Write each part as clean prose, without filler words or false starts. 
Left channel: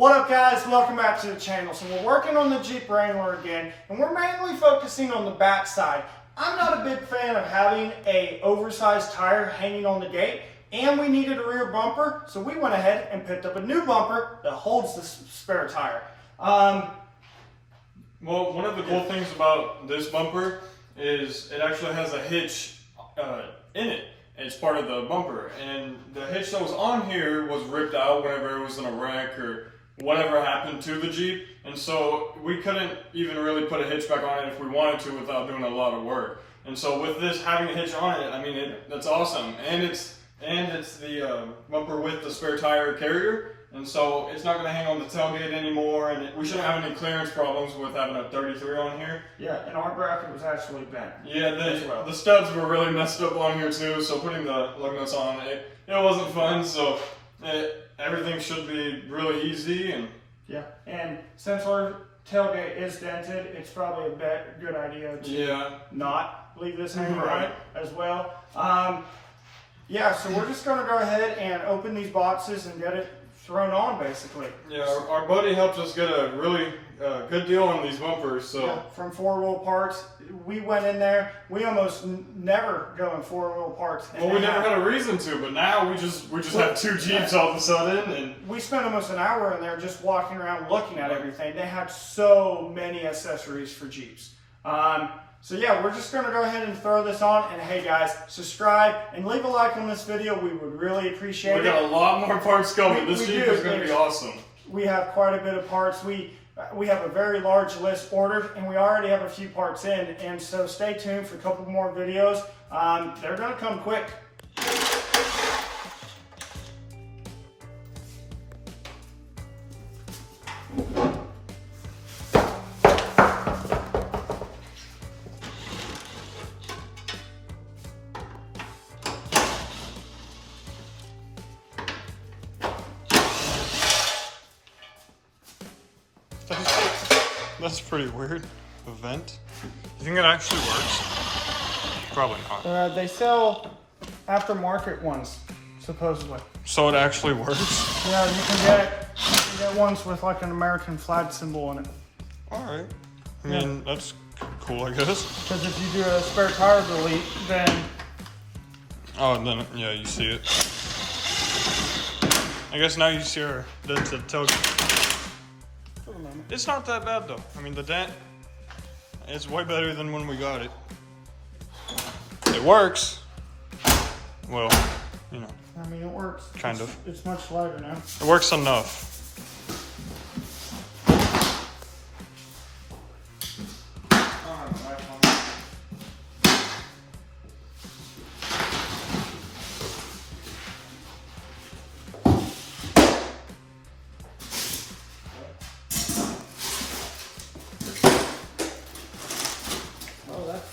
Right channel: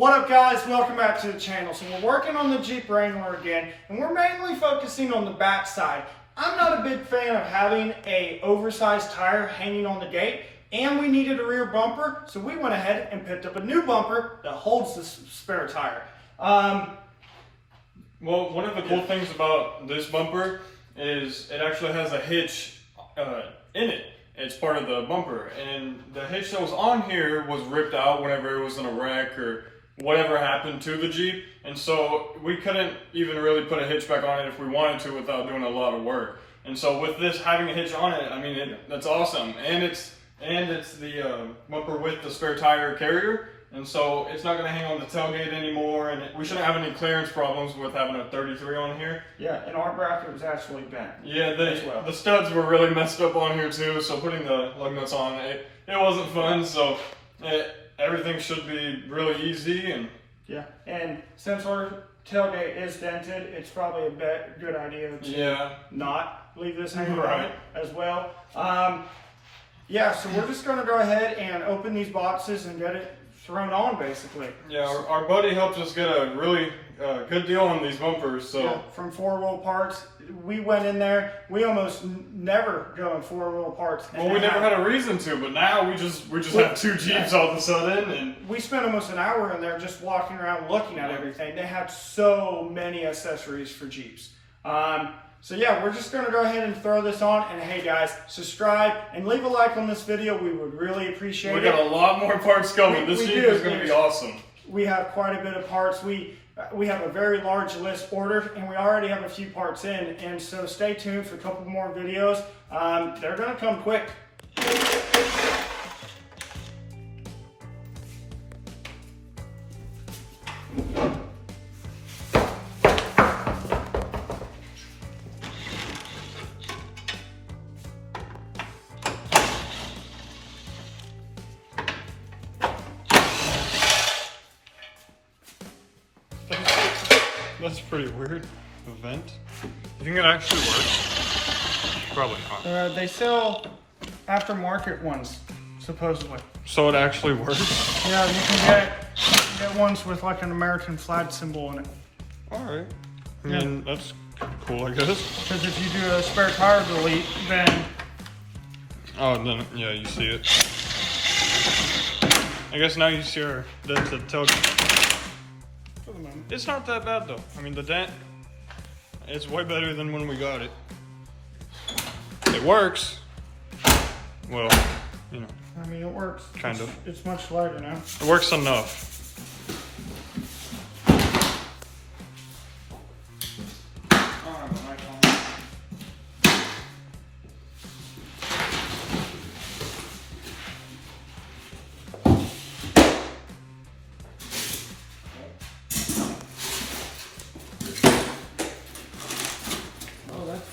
What up guys, welcome back to the channel. So we're working on the Jeep Wrangler again, and we're mainly focusing on the back side. I'm not a big fan of having a oversized tire hanging on the gate, and we needed a rear bumper, so we went ahead and picked up a new bumper that holds the spare tire. Well, one of the cool things about this bumper is it actually has a hitch in it. It's part of the bumper, and the hitch that was on here was ripped out whenever it was in a wreck or whatever happened to the Jeep, and so we couldn't even really put a hitch back on it if we wanted to without doing a lot of work. And so with this having a hitch on it, I mean, that's awesome. And it's the bumper with the spare tire carrier, and so it's not going to hang on the tailgate anymore, and we shouldn't have any clearance problems with having a 33 on here. Yeah, and our bracket was actually bent. Yeah, the studs were really messed up on here too, so putting the lug nuts on, it wasn't fun, so everything should be really easy. And yeah, and since our tailgate is dented, it's probably a good idea to not leave this hanging right as well. Yeah, so we're just going to go ahead and open these boxes and get it thrown on, basically. Yeah, our buddy helped us get a really good deal on these bumpers. So yeah, from 4-wheel parts, we went in there. We almost never go in 4-wheel parts. Well, we never had a reason to, but now we just have two Jeeps all of a sudden, and we spent almost an hour in there just walking around looking at everything. They have so many accessories for Jeeps. So yeah, we're just going to go ahead and throw this on. And hey guys, subscribe and leave a like on this video. We would really appreciate it. We got a lot more parts coming. This Jeep is going to be awesome. We have quite a bit of parts. We have a very large list ordered, and we already have a few parts in. And so stay tuned for a couple more videos. They're going to come quick. That's pretty weird. A vent. You think it actually works? Probably not. They sell aftermarket ones, supposedly. So it actually works? Yeah, you can get ones with like an American flag symbol in it. Alright. I mean, that's cool, I guess. Because if you do a spare tire delete, then... Oh, then, yeah, you see it. I guess now you see the tailgate. It's not that bad though. I mean, the dent, it's way better than when we got it. It works. Well, you know. I mean, it works. Kind of. It's much lighter now. It works enough.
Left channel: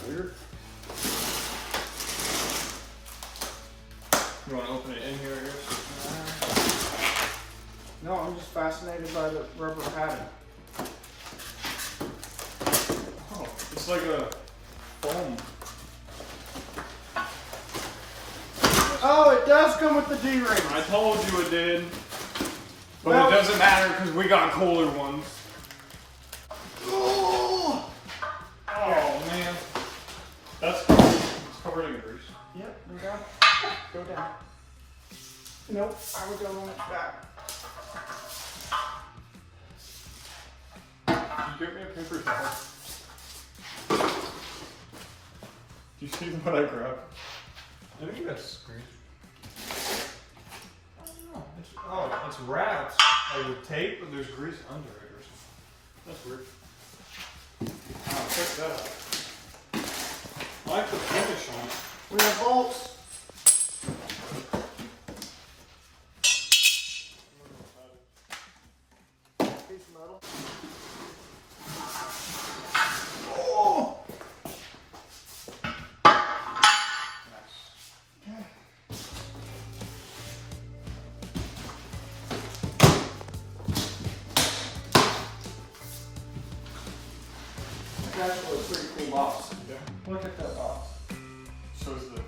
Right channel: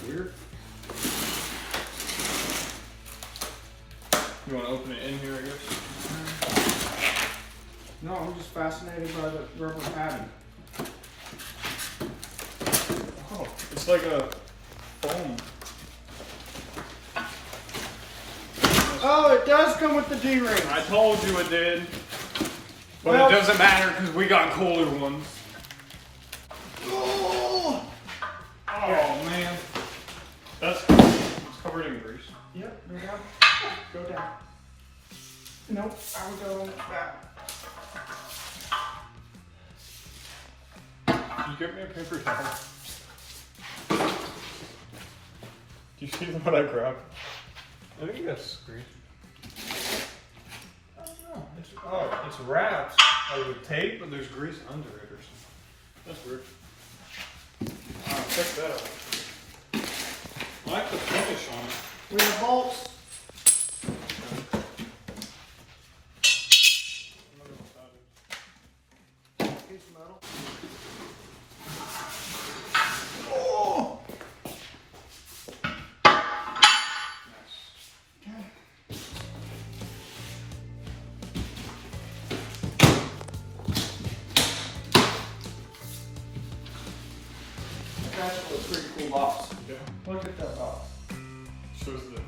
Weird. You want to open it in here, I guess? No, I'm just fascinated by the rubber padding. Oh, it's like a foam. Oh, it does come with the D-ring. I told you it did. But well, it doesn't matter because we got cooler ones. Oh, man. It's covered in grease. Yep, go down. Go down. Nope, I would go on its back. Can you get me a paper towel? Do you see what I grabbed? I think that's grease. I don't know. It's wraps with tape, but there's grease under it or something. That's weird. Oh, check that out. I like the finish on it. We have bolts. Piece of metal. Oh! Nice. Okay. Actually, a pretty cool box. Yeah. Look at that box. Shows the...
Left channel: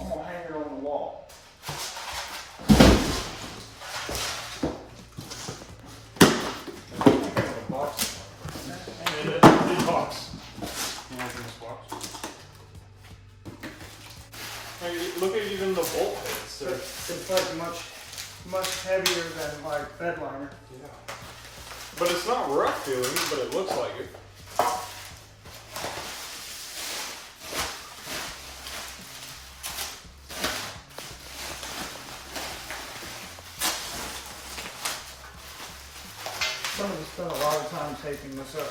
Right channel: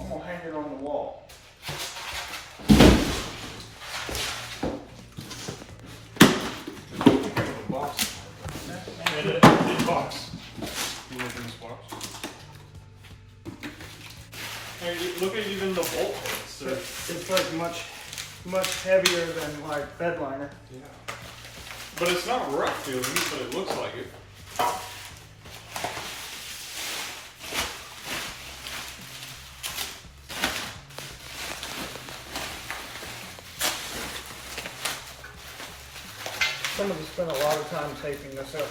I'm gonna hang it on the wall. this box. You want this box? Hey, look at even the bolt heads. It's like much heavier than like bed liner. Yeah. But it's not rough feeling, but it looks like it. Somebody spent a lot of time taping this up.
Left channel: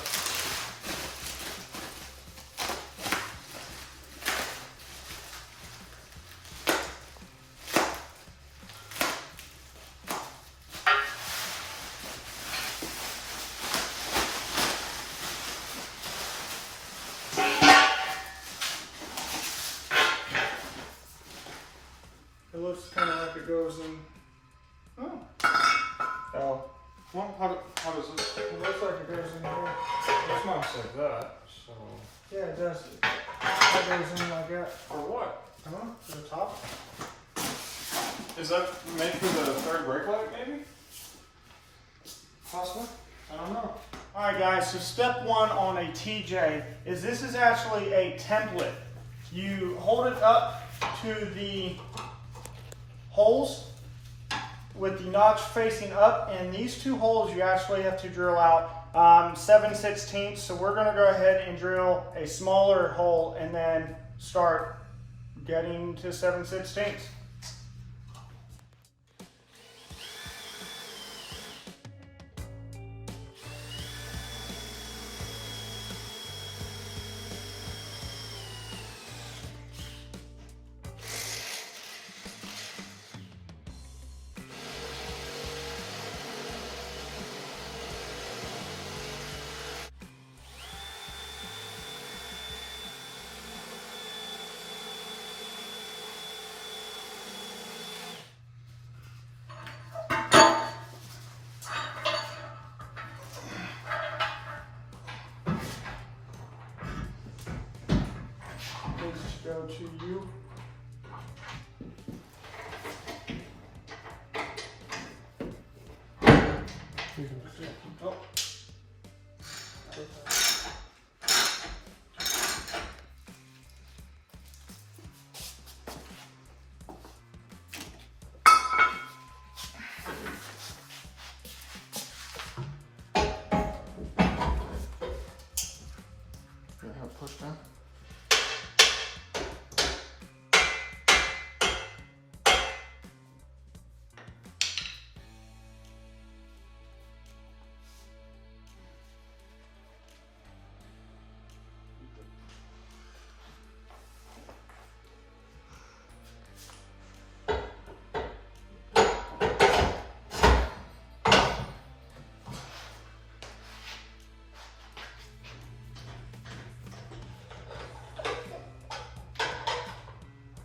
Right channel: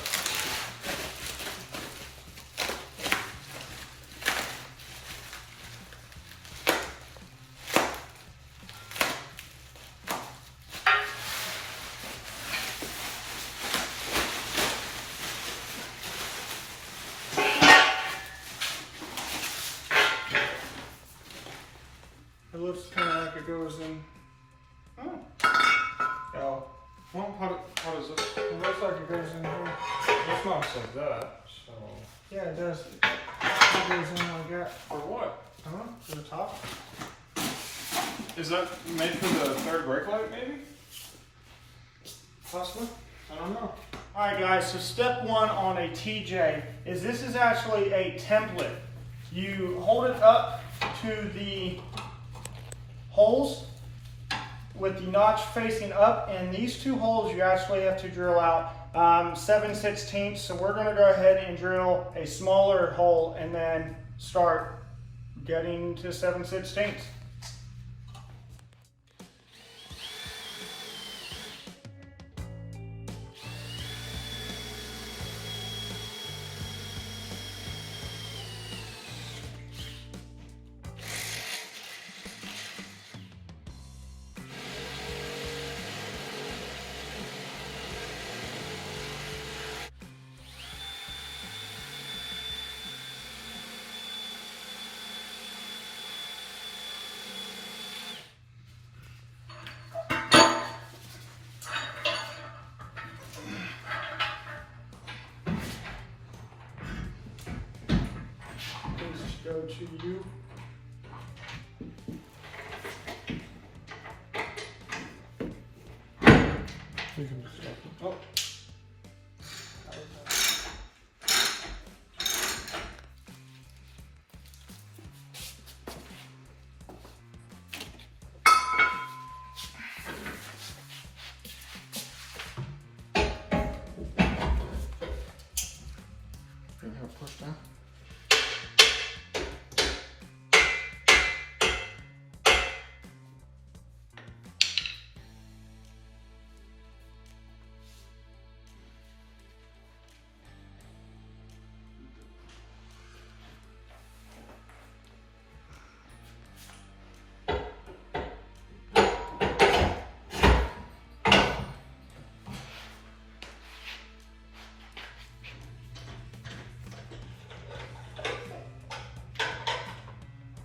It looks kind of like it goes in. Oh. Oh. Well, how does this? It looks like it goes in here. It's not like that, so. Yeah, it does. It goes in like that. For what? I don't know, to the top. Is that made for the third brake light, maybe? Possibly? I don't know. Alright guys, so step one on a TJ is this is actually a template. You hold it up to the holes with the notch facing up, and these two holes you actually have to drill out 7/16. So we're going to go ahead and drill a smaller hole and then start getting to 7/16. Go to you. Oh. Push down.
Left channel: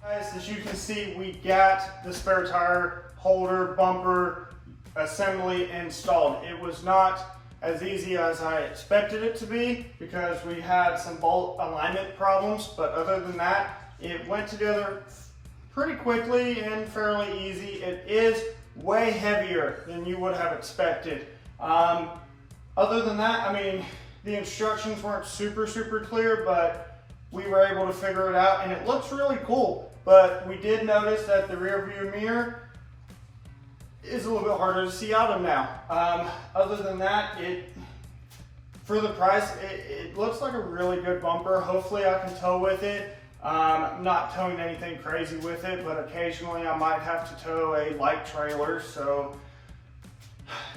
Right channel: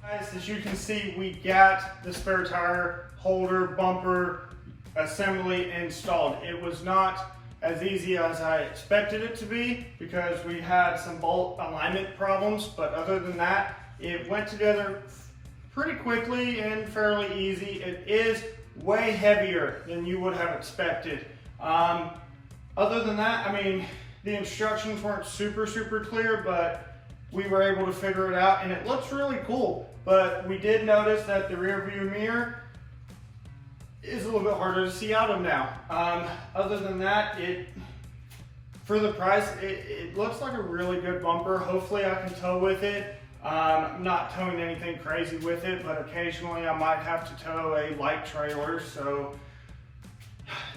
Guys, as you can see, we got the spare tire holder bumper assembly installed. It was not as easy as I expected it to be because we had some bolt alignment problems, but other than that, it went together pretty quickly and fairly easy. It is way heavier than you would have expected. Other than that, I mean, the instructions weren't super clear, but we were able to figure it out, and it looks really cool. But we did notice that the rear view mirror is a little bit harder to see out of now. Other than that, for the price, it looks like a really good bumper. Hopefully I can tow with it. I'm not towing anything crazy with it, but occasionally I might have to tow a light trailer, so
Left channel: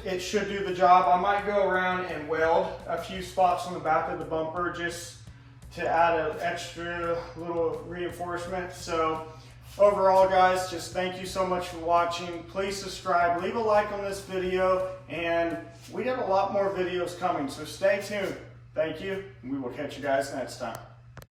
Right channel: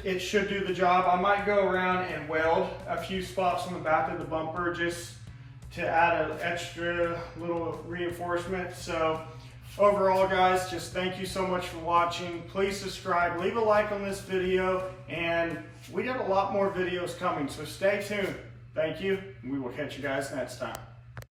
it should do the job. I might go around and weld a few spots on the back of the bumper just to add an extra little reinforcement. So overall, guys, just thank you so much for watching. Please subscribe, leave a like on this video, and we got a lot more videos coming, so stay tuned. Thank you, and we will catch you guys next time.